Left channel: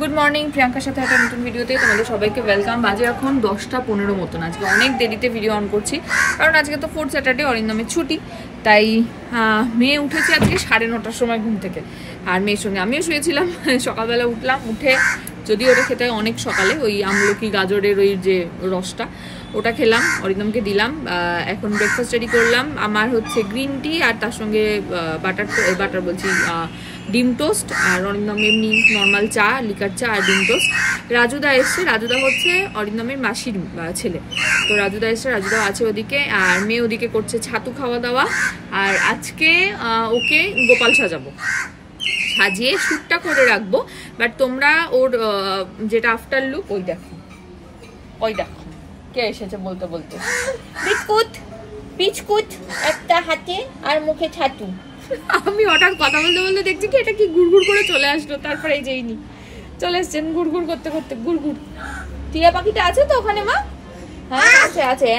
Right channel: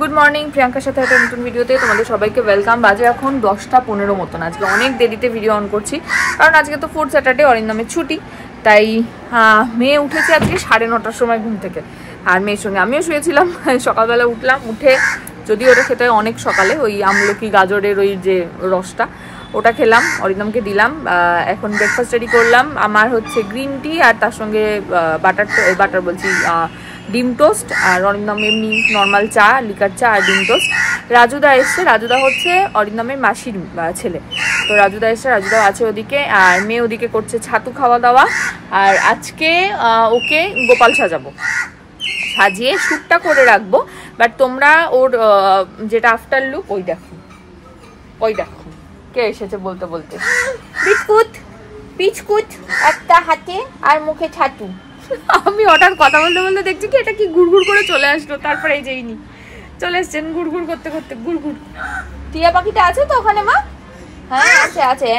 Good morning, প্রিয়াঙ্কার সাথে একটা নতুন ভিডিওতে তোমাদের সবাইকে ওয়েলকাম। বাজে এখন 10:15 মতন। আজকে অনেক দেরিতে ভিডিও অন করছি, কারণ আজকে তো 4th স্যাটারডে, অরিন্দমের ছুটি। তাই মেয়ে উঠেছে আজকে 9:30টার সময় ঘুম থেকে, আর মেয়ের সঙ্গে আমিও শুয়েছিলাম। সকালবেলা উঠলাম, উঠে যদিও ওটা খেতে হয় অনেক সকালে, ওই আমলকি গাজরের ওই যে রসটা, ওটা খেলাম, অরিন্দমকে দিলাম। এখন ব্রেকফাস্ট রেডি করলাম। আমার হচ্ছে গ্রিন টি, আর তার সঙ্গে বাটার বলছি ডিম টোস্ট, আর অরিন্দম এমনি নর্মাল চা, লিকার চা আর ডিম টোস্ট। রাজুদা এসছে, রাজুদা হচ্ছে অরিন্দমের মাসির ছেলে, তো রাজুদা এসছে, রাজুদা আছে ওদিকে, আর মেয়ে ওদিকে করছে ছাতু খাওয়া দাওয়া। আর আজকে ওকে গোপাল সাজাবো, সাজিয়ে শ্যুটটা করে রাখবো। বাট তোমরা ওর যেটা আফটার লুক ওই দেখো কে এসেছে বলতে বলতে। বিস্কুট বিস্কুট একটা হাতে আর মুখে ছাতু। আমি হঠাৎ কথা বলতে বলতে দেখছি কি এটা কি গুড়গুড় করে চলে আসলো, তারপরে এই যেইনি চলে এসছেন গুড়গুড় করতে করতে। গুড়গুড় টিয়া পাখিটা আছে তো ওখানে মা? হ্যাঁ আছে আছে।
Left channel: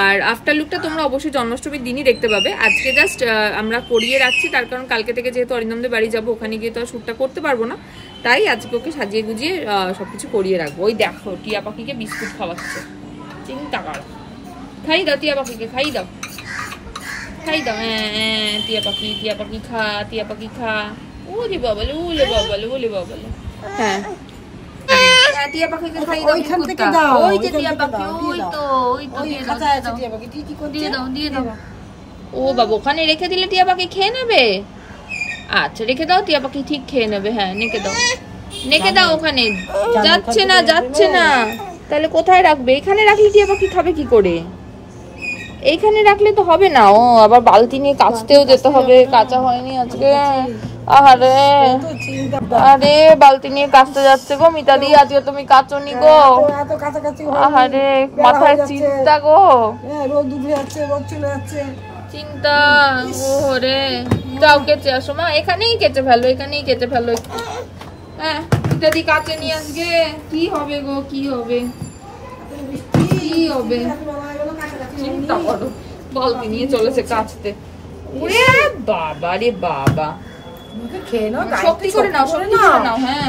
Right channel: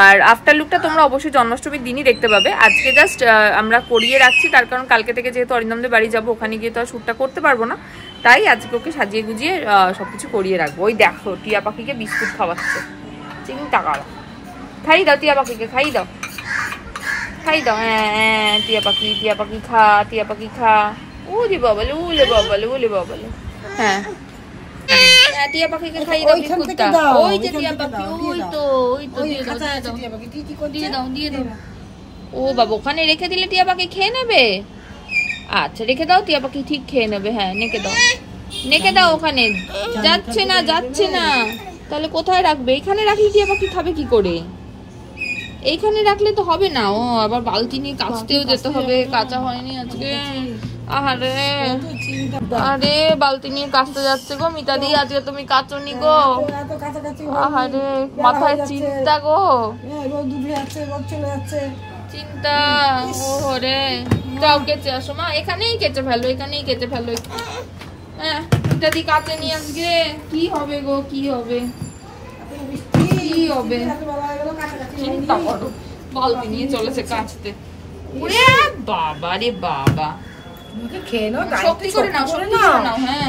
আর আফটার লুকটা তোমরা অবশ্যই জন্মাষ্টমীর দিনই দেখতে পাবে। আজকে জাস্ট আমরা করিয়ে রাখছি, তার কারণ কালকে থেকে যেহেতু অরিন্দমদের বাড়ি যাবো, ওখানে গিয়ে তো আর শ্যুটটা করতে পারবো না, তাই আজকে ওকে সাজিয়ে গুজিয়ে সবকিছু করিয়ে রাখবো। ওই দেখো টিয়া পাখিকে বিস্কুট খাওয়াচ্ছে, চিন্তা করো। খাই দাও টিয়া পাখিকে, খাই দাও খাই দাও। হ্যাঁ টিয়া পাখি খা, টিয়া পাখি খা। উলে বাবালে উলে বাবালে উলে বাবালে। হ্যাঁ টিয়া পাখিকে খাই দাও বিস্কুটটা। ওই যে টিয়া পাখি, ওই তো দিয়ে দাও দিয়ে দাও। ও বাবা, ওখানে রেখে দিলে টিয়া পাখি খেয়ে নেবে? আচ্ছা রেখে দাও, টিয়া পাখি ঠিক খেয়ে নেবে। হ্যাঁ নেকে দাও ওখানে। যাচ্ছে না, তাহলে কোথায় রাখবে? এখানে রাখলে টিয়া পাখি খাবে কি করে? এইখানে রাখলে তো হবে না, ও আবার বালতি নিয়ে কাচতেও যেতে হবে, কাঁচা হয়নি আজকে। আরে বালতি নিয়ে কাচতে যাচ্ছে গো মিতাদি, আজকে তুমি কাচনি গো? আরে মাথায় চিন্তা গো, চিন্তা ওরে। যাও কেচে আসো মা, এখানেই কেচে ফেলো। হ্যাঁ মিতাদি কাচেনি আজকে, কি হবে গো, কি হবে চিন্তা করো। বালতি নিয়ে চলেছে কাচতে। ওরে বাবা রে বাবা, শক্তি করে নাও। হ্যাঁ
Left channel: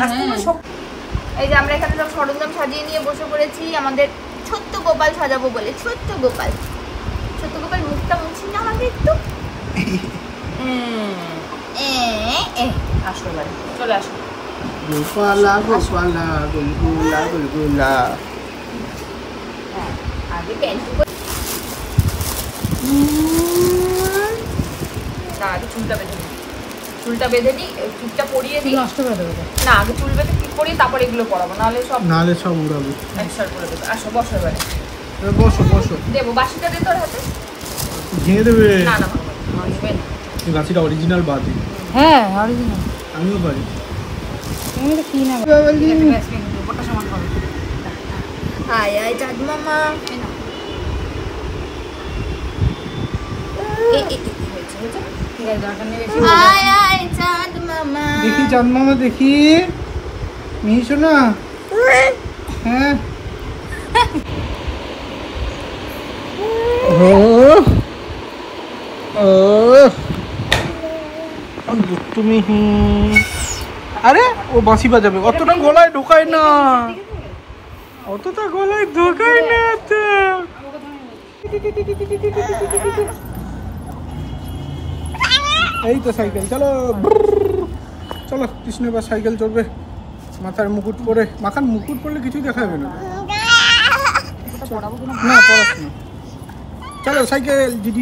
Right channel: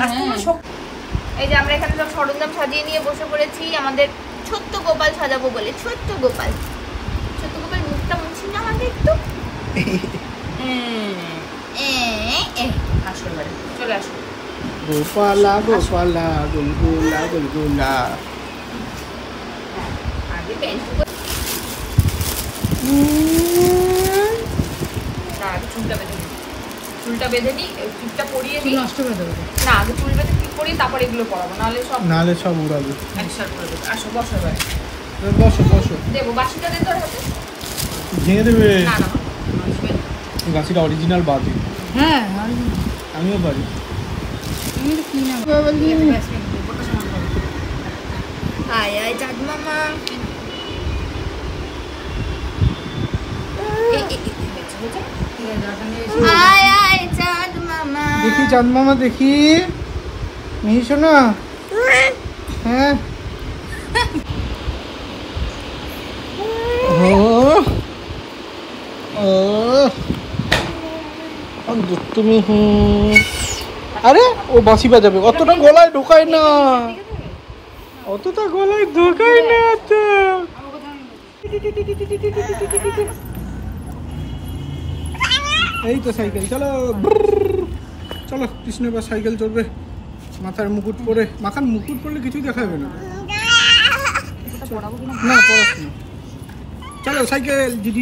এই যে আমরা এখানে সব সরঞ্জাম সাজিয়ে নিয়ে বসে পড়েছি আমাদের ছোট্ট গোপাল সাজাবো বলে। ছোট্ট গোপাল মুখটা মুছি না হবে একটু। আসো এবারে, চলে আসো। গোপালা গুলগুলা। আগে চুলটা বেঁধে নি, চুলটা পরিয়ে দিই। না আগে চুল বেঁধে ঠিক করি, তারপর এগুলো পরাবো, নাহলে সব উড়াবে। একসার করে দেবে। আসো বসো এবারে, বসো দেবো। বাসিটা দে তোর হাতে, দিয়ে দেবে। না এই বাসিটা অরিজিনাল বাটি। হ্যাঁ অরিজিনাল, আমিও পারি। হাই হাই চাঁদ মামা। দেখি চাঁদ মামা, দেখি মিহি শোনা। হ্যাঁ তুমি আরে ও বাঁশি বাজাবে, অতটা গলায় ঢোকায় না। এই তো সাইকেল, চলো কৃষ্ণ বা সাইকেল চলবে। মাথায় মুকুট পরে, মাথার মুকুট পরলে কিছু দেখা যাবে না। না পড়াশোনা। চলো সাইকেল, ডিডি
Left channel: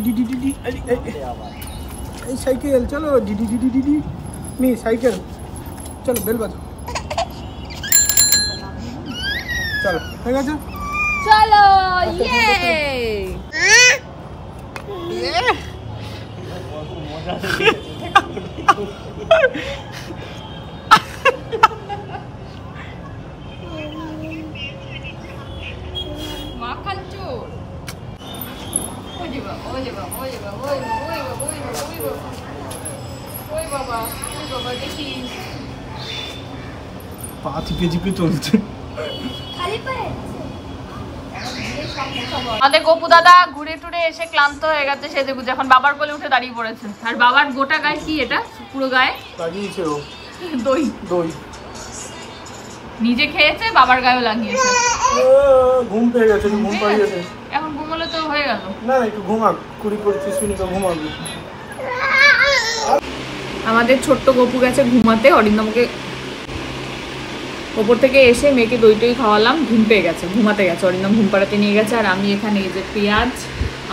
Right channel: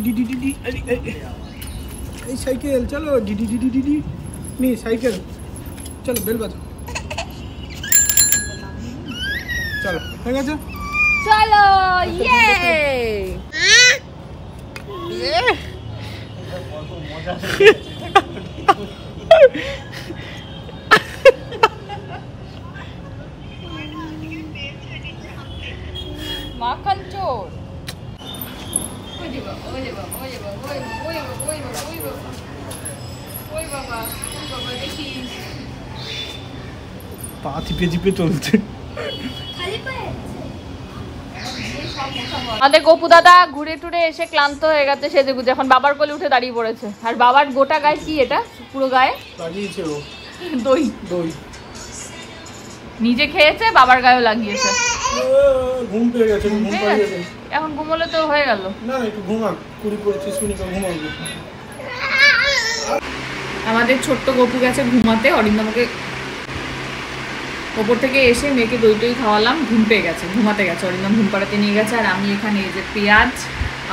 এই সাইকেল, চলো ডিডি মি সাইকেল, চলো বেল বাজো। চলো হয়ে গেছে, চলো ইয়ে। পা চিপে চলছে। আমাদের গপু দাদা ঘুরে টুরে এসে ক্লান্ত হয়ে গেছে, সেজে গুজে এখন বাবার কোলে উঠে দাঁড়িয়ে পড়েছে। আর বাবার গোটা গায়ে কি এটা, পুরো গায়ে লাগিয়েছে ও দই। দই নিজে খেয়েছে, বাবার গায়ে লাগিয়েছে। ঘুম পেয়ে গেছে, ঘুম পাড়িয়েছে। এখন ঘুমোলে তো হয়ে গেল। না একটু ঘুমাক, 20-25 মিনিট ঘুমাবো। আমাদের ছোট্ট গপু গেছে ঘুমাতে। অরিন্দমকে ওপর থেকে এসে মেয়েকে দই টই খাওয়ালাম, ঘুম পেয়ে গেছে, ঘুমাতে গেছে। অরিন্দম ঘুম পাড়াতে নিয়ে গেছে। আর আমি এখানে এই যে পেঁয়াজ,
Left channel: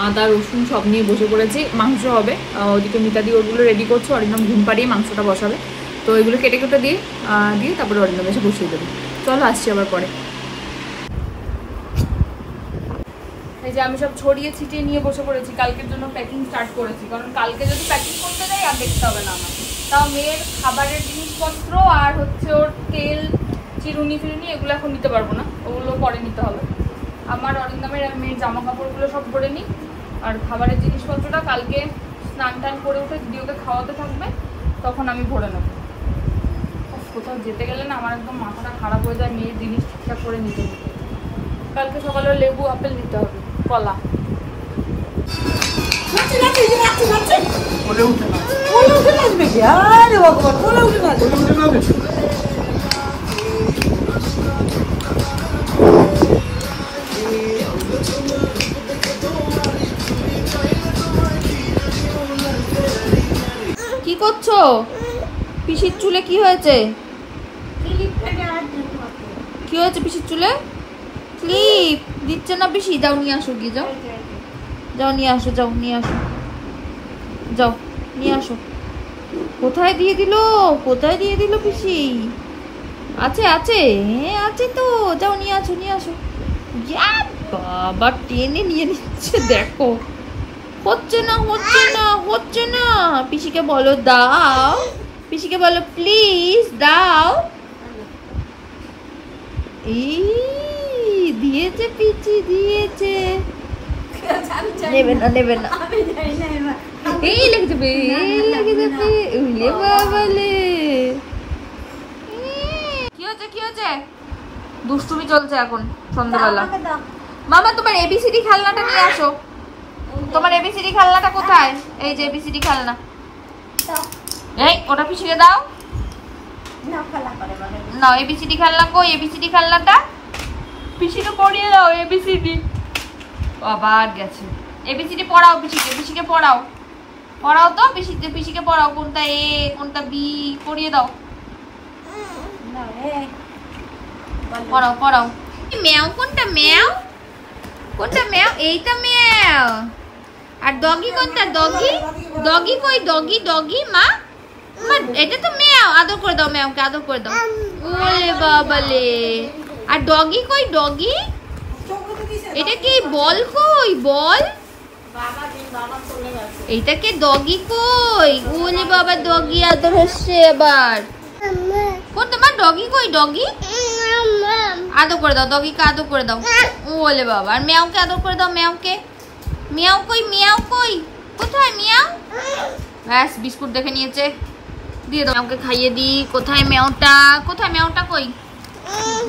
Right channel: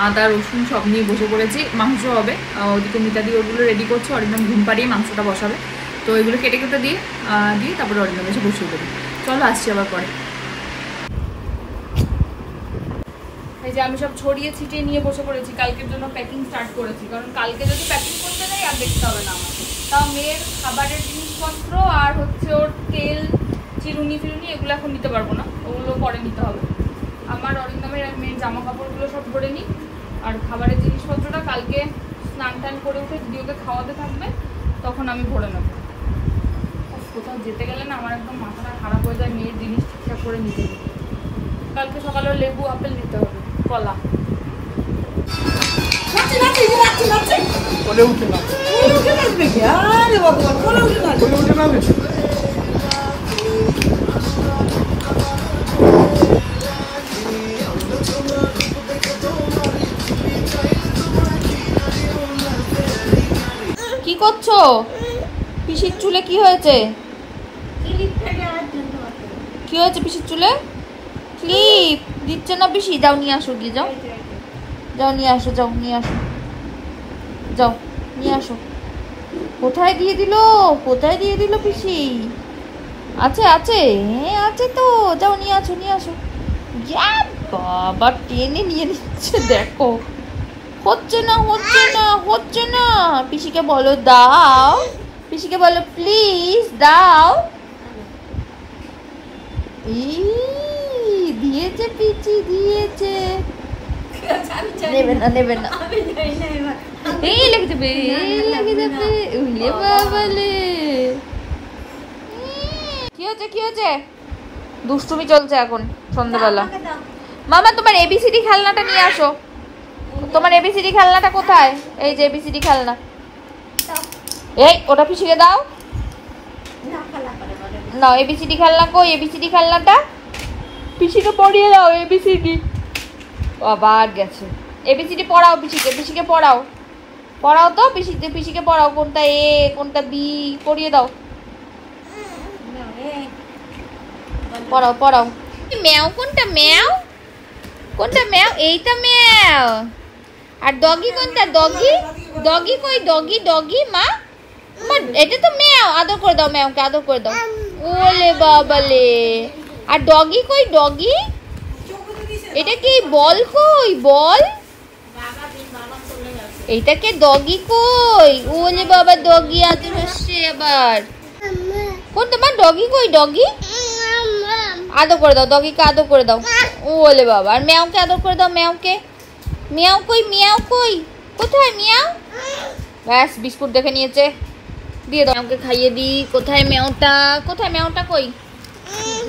আদা, রসুন সব নিয়ে বসে পড়েছি। মাংস হবে, ওদিকে মিতাদি ওগুলো রেডি করছে। অরিন্দম ঘুম পাড়িয়ে মাংসটা বসাবে, তো এগুলো কেটে কেটে দিয়ে তারপরে অরিন্দম এসে বসিয়ে দেবে। চলো আসছি আবার পরে। এই যে আমি সব ছড়িয়ে ছিটিয়ে নিয়ে বসে পড়েছি, কালকের জন্য প্যাকিং স্টার্ট করেছি। কারণ কালকে যদি প্যাকিং করতে যাই আর দেখতে হবে না আমার। তাও মেয়ের খাবারের জিনিসপত্র আর হচ্ছে ওর তেল, চিরুনি ফিরুনি এগুলো এখন নিতে পারবো না, ওগুলো পরে নিতে হবে। আমার অরিন্দমের মেয়ের জামা কাপড়গুলো সব ভরে নিই। আর খাবারের জিনিসপত্রটা কালকে স্নান টান করে উঠে যদি ওকে খাওয়াতে থাকবে তখন আমি ভরে নেবো। কোথাও যেতে গেলে না আমার একদম মাথাটা খারাপ হয়ে যায় মেয়ের জিনিস ঠিকঠাক করে নিতে নিতে। কালকে সকালে লেবু আপেল নিতে হবে, কলা। কি করছো? পিসির চুলে কি হয়েছে? কি হয়েছে পিসির চুলে? ক্লিপ দিচ্ছে না পিসি? যাও নিয়ে আসো, গিয়ে যাও, যাও নিয়ে আসো, যাও নিয়ে আসো, যাও নিয়ে আসো। কোথায় দিয়ে দিল, কোথায় দিয়ে দিল পিসি? আছে আছে, হ্যাঁ আছে তো, যাও নিয়ে আসো, নিয়ে আসো। বাবা টেনে নিয়ে নিচ্ছে, দেখো হচ্ছে না, হচ্ছে না, হচ্ছে না। পিসিকে বলো দাও, পিসিকে বলো প্লিজ দাও। দিয়েছে পিচি, দিয়েছে। নেবে না, নেবে না, এই লেগে যাবে, লেগে যাবে। উলে বাবালে, কি হচ্ছে, কি হচ্ছে? দুষ্টুমি চলছে এখন সন্ধ্যাবেলা। মামা তোমার এবিসিডি খেলনাটা নিয়ে আসো। তোমার এবিসিডি খেলনাটা কোথায়? এই যে এবিসিডি খেলনা। এই ওটা পিসিকে দাও না। এবিসিডি খেলনা কই? এবিসিডি খেলনাটা পিসিকে পড়িয়ে দাও। এবিসিডি আবার গেছে। এবিসিডি পড়াও পিসিকে, পিসিকে পড়াও, পড়াও তো পিসিতে, পিসিকে পড়াও। কোনটা এ, কোনটা বি পড়িয়ে দাও, পড়াও পড়াও। ম্যাও কোনটা? ম্যাও কোনটা? ম্যাও, এইটা ম্যাও। আর ডগি কোনটা? ডগি, ডগি কই? ডগি, ডগি মা, এটা তো ম্যাও। আদর করে দাও, ম্যাওকে আদর করে দাও। ওলে বাবালে। আর ডগি কই? ডগি, এটা কি? বল কই? বল, এটা কি? ডগি কই? ওলে বাবা, ডগি আদর হচ্ছে আবার। কোন তোমার ডগি কই? ডগি আদর করে দাও, ডগিকে আদর করে দাও। ওলে বাবা। আর ম্যাওকে আদর করে দাও, ম্যাওকে। মিয়াও কই? মিয়াও কই? কোথায় মিয়াও? ব্যাস বিস্কুট দেখে নিয়েছে, দিয়ে দাও। ম্যাওকে খাইয়ে দি। কোথায় ম্যাওটা? কোথায় ম্যাওটা কই?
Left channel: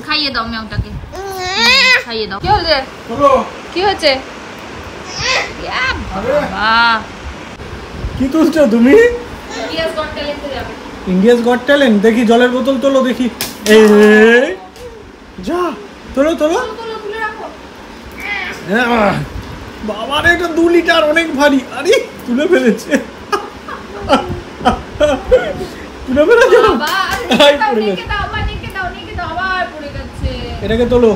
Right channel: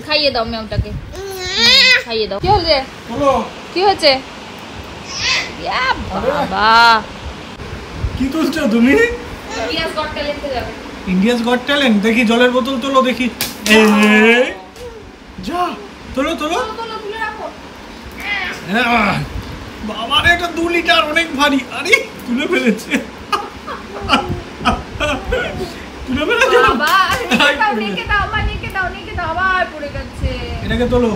খাইয়ে দাও ম্যাওটাকে, খাইয়ে দাও। কি হয়েছে? কি হয়েছে? বাবা কি তুলছো তুমি? ইন্ডিয়াস গট ট্যালেন্টে যাবে। India's goat talent? দেখি জলের বোতল তোলো দেখি। যা তোলো তোলো। বাবা রে, এটা 2 লিটার, অনেক ভারী। আরে তুলে ফেলেছে, তুলে ফেলেছে। এটাকে তোলো,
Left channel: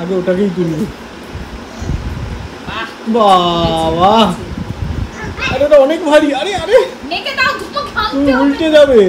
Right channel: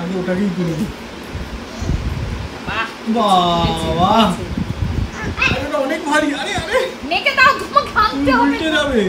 আগে ওটাকেই তুলি। বাবা এটা অনেক ভারী। আরে আরে উল্টে যাবে।